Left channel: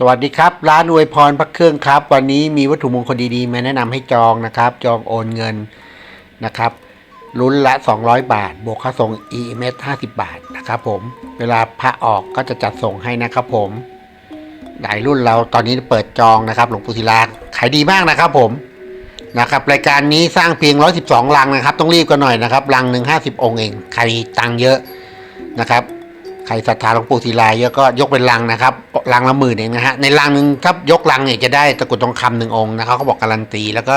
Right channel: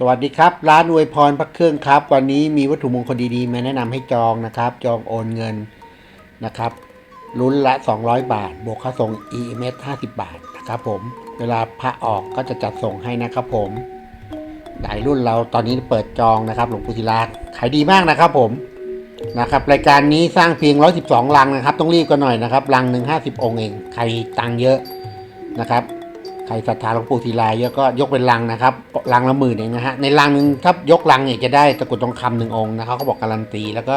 สวัสดีครับ ร้านอวยพรพระเครื่องครับ วันนี้มีวัตถุมงคลดีๆมาแนะนำให้จองนะครับ จองโอนเงินนะครับลุ้นละ 200 บาท บวกค่าส่ง EMS 50 บาทนะครับผมเวลาพระออกก็จะจัดส่งให้นะครับผมหลายรุ่นเราตอนนี้เปิดจองนะครับ หลวงปู่ศิลาขายดีมากนะครับผมนะครับรายการนี้สร้างเพียง 112 ลังนะครับ ต้องรีบกันหน่อยนะครับลังหนึ่ง50 องค์เองใครตังเยอะนะครับ ใครศรัทธาหลวงปู่ศิลาเยอะก็ยกเป็นลังนะครับลังละหมื่นเองนะฮะในลังหนึ่งถ้ายกลังเนี่ยจะได้ตะกรุดทองคำหนึ่งองค์นะครับเขาบอกการันตี แล้วก็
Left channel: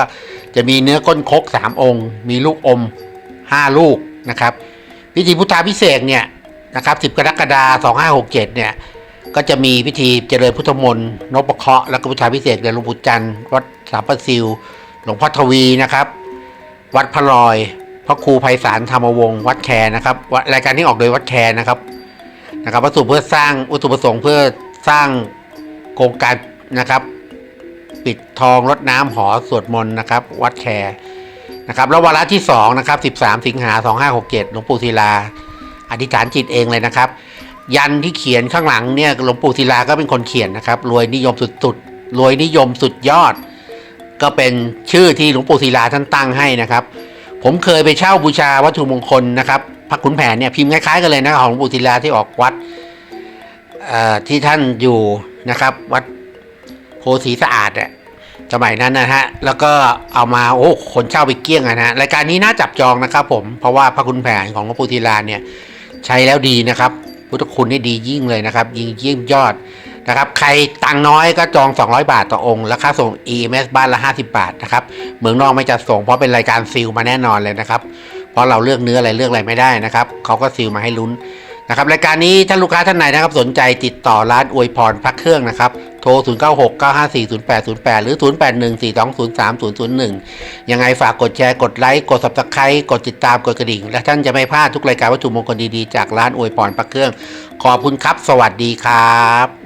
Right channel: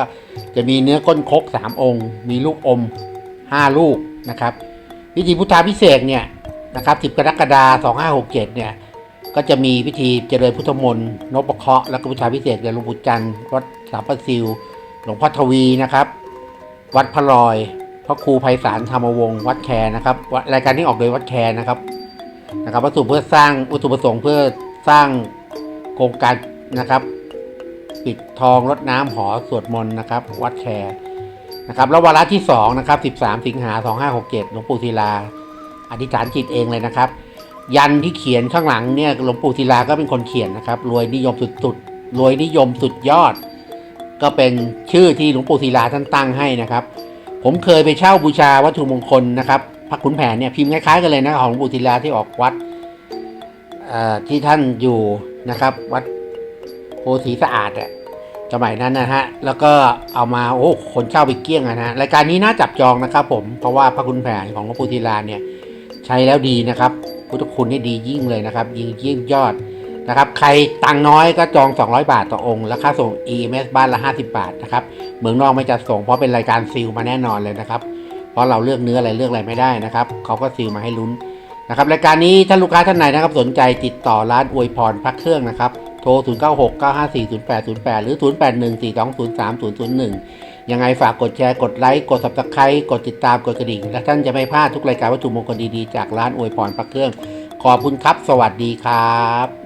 จะมีเนื้อก้นคกสามองค์ มีลูกอมห้าลูกนะครับพิธีพุทธาพิเศษเนี่ยนะครับสิบกรกฎาคม2567เนี่ยก็จะมีพิธีเจริญพุทธมนต์นพเคราะห์แล้วก็พุทธาพิเศษเดือนหลวงปู่จันทร์วัดสามประซิวหลวงพ่อทวีนะครับ วัดพระลอยพระครูไพศาลธรรมวงศ์วัดแคนะครับรายการที่ออกโดยวัดแคนะครับ นะครับวัตถุเพื่อสร้างวัตถุประสงค์เพื่อสร้างโครงการนะครับ ปิดทองรดน้ำหอสวดมนต์นะครับ วัดแคร์นะครับแล้ววาระที่2นะครับ13 สิงหา 2567หลวงปู่ศิลา อธิษฐานจิตเองเลยนะครับ ยันที่เขียนข้างหลังเนี่ยหลวงปู่ศิลาก็เป็นคนเขียนนะครับรวยนิยมสุดๆรวยนิยมสุดยอด ก็เป็นชื่อที่หลวงปู่ศิลาท่านตั้งให้นะครับ ผมเคยไปเช่าบูชาวัตถุมงคลนะครับ พระขุนแผนเนี่ยพิมพ์คล้ายๆกันเลยนะของหลวงปู่ศิลาที่ออกวัดที่ท่านอยู่นะครับวัดโพสีสะอาดอะสมัยนั้นนะฮะ แล้วก็เอามาโอ้คนเช่าไปเกี้ยงอะนะฮะรายการนี้น่าจับจองนะครับผมเพราะว่าพระขุนแผนของหลวงปู่ศิลาเนี่ยใช้แล้วดีนะครับพุทธคุณนี่ดียิ่งเลยนะครับ ยิ่งยิ่งยอดนะครับ ใครตังค์น้อยก็จอง 200 บาทต่อองค์ แล้วค่าส่ง EMS บ้านละ 50 บาทนะครับ เมืองนอกไม่จัดส่งเพราะเป็นรายการซีลมาแน่นอนเลยนะครับ เพราะเราเลือกเนื้ออะไรเลือกอะไรไม่ได้นะครับเขาก็ซีลมาให้ลุ้นนะครับรายการนี้ถ้าลูกค้าท่านไหนนะครับสนใจติดต่อร้านอวยพรพักเครื่องนะครับโทร 0 9 6 9 5 4 0 8 0 8 หรือ 0 8 1 4 2 0 3 0 0 1 ยังไงฝากกดแชร์กดไลค์กด subscribe กดติดตามกดกระดิ่ง และท่านจะไม่พลาดทุกรายการวัตถุมงคลดีๆ จากร้านอวยพรพักเครื่อง ขอบคุณครับ สวัสดีครับ